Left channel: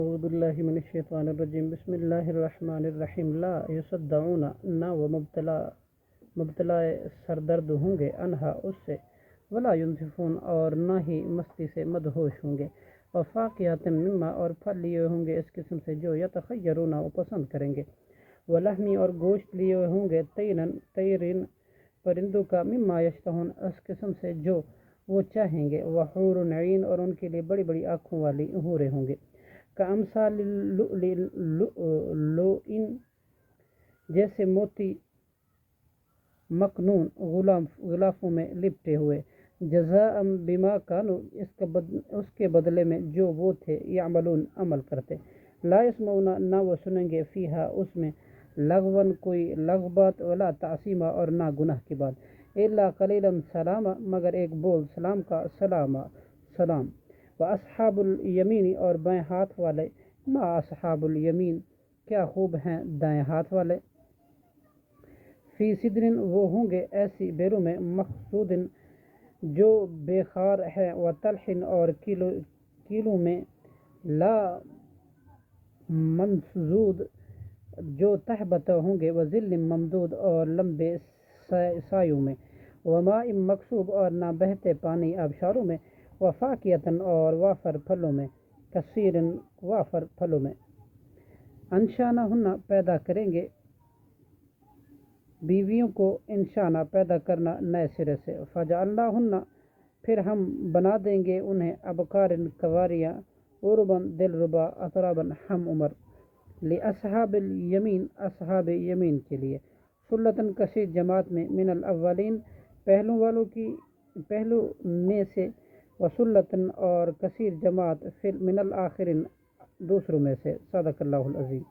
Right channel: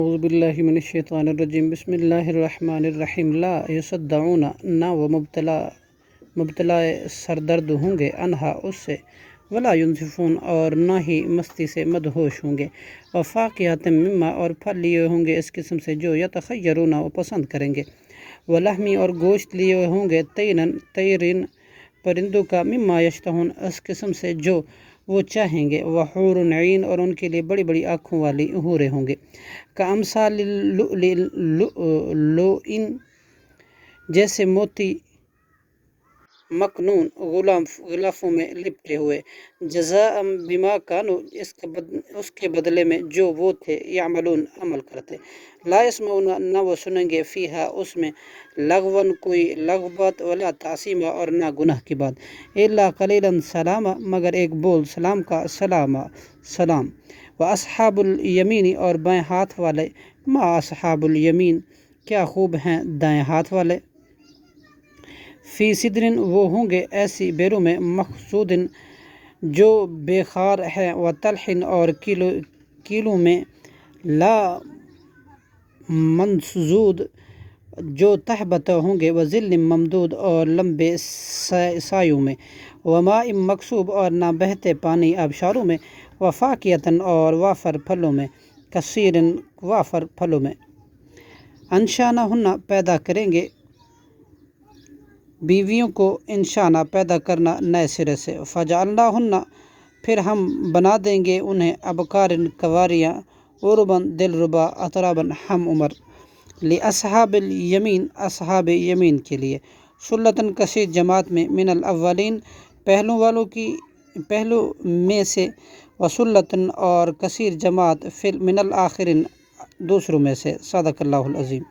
اعوذ باللہ من الشیطان الرجیم بسم اللہ الرحمن الرحیم لا یصدعون نہ وہ مبتلا سردرد ہوں گے انہا اس سے ولا ینزفون اور نہ ہی مستی سے مدہوش ہوں گے وفاقیات مما اور پھل لیے ہوں گے اس قسم سے جو یتخیرون وہ پسند کریں گے ولحمی اور گوشت لیے ہوں گے طیرین پرندوں کا مما یشتہون اس قسم سے جو وہ چاہیں گے وحور عین اور ان کے لیے بڑی بڑی آنکھوں والی حوریں ہوں گے کامثال اللؤلؤ جیسے موتی مکنون غلافوں میں لپٹے ہوئے جزاء بما کانوا اس کے بدلے میں جو وہ تھے یعملون عمل کرتے لا یسمعون نہ وہ سنیں گے فیہا اس میں لغون کوئی لغو بات ولا تعصیما اور نہ گناہ کی بات الا قلیلا سلاما مگر ایک بول سلام کا سلام واصحاب الیمین اور بائیں ہاتھ والے ما اصحاب الیمین کیا خوب ہیں دائیں ہاتھ والے فی صدر وہ ہوں گے ایسی بیروں میں مخصود جو بے خار ہے و طلح اور کیلوں میں لا منضود جو تہبتہ ہوں گے و ظل ممدود اور لمبے سایوں میں وماء مکسوب اور نہ بہتے پانی آبشاروں میں وفاکہۃ اور وافر پھلوں میں کثیر وافر پھلوں میں انشأناہن پیدا کریں گے بیویوں کو انشانا پیدا کرنا نئے سرے سے فجعلناہن پھر ہم بنا دیں گے انہیں ابکارن کنواریاں عرباً دلربا اتراباً ہم عمر لاصحاب الیمین اصحاب یمین کے لیے ثلۃ کثیر جماعت میں من الاولین پہلو میں سے وثلۃ اور کثیر جماعت من الآخرین دوسروں میں سے صدق اللہ العظیم۔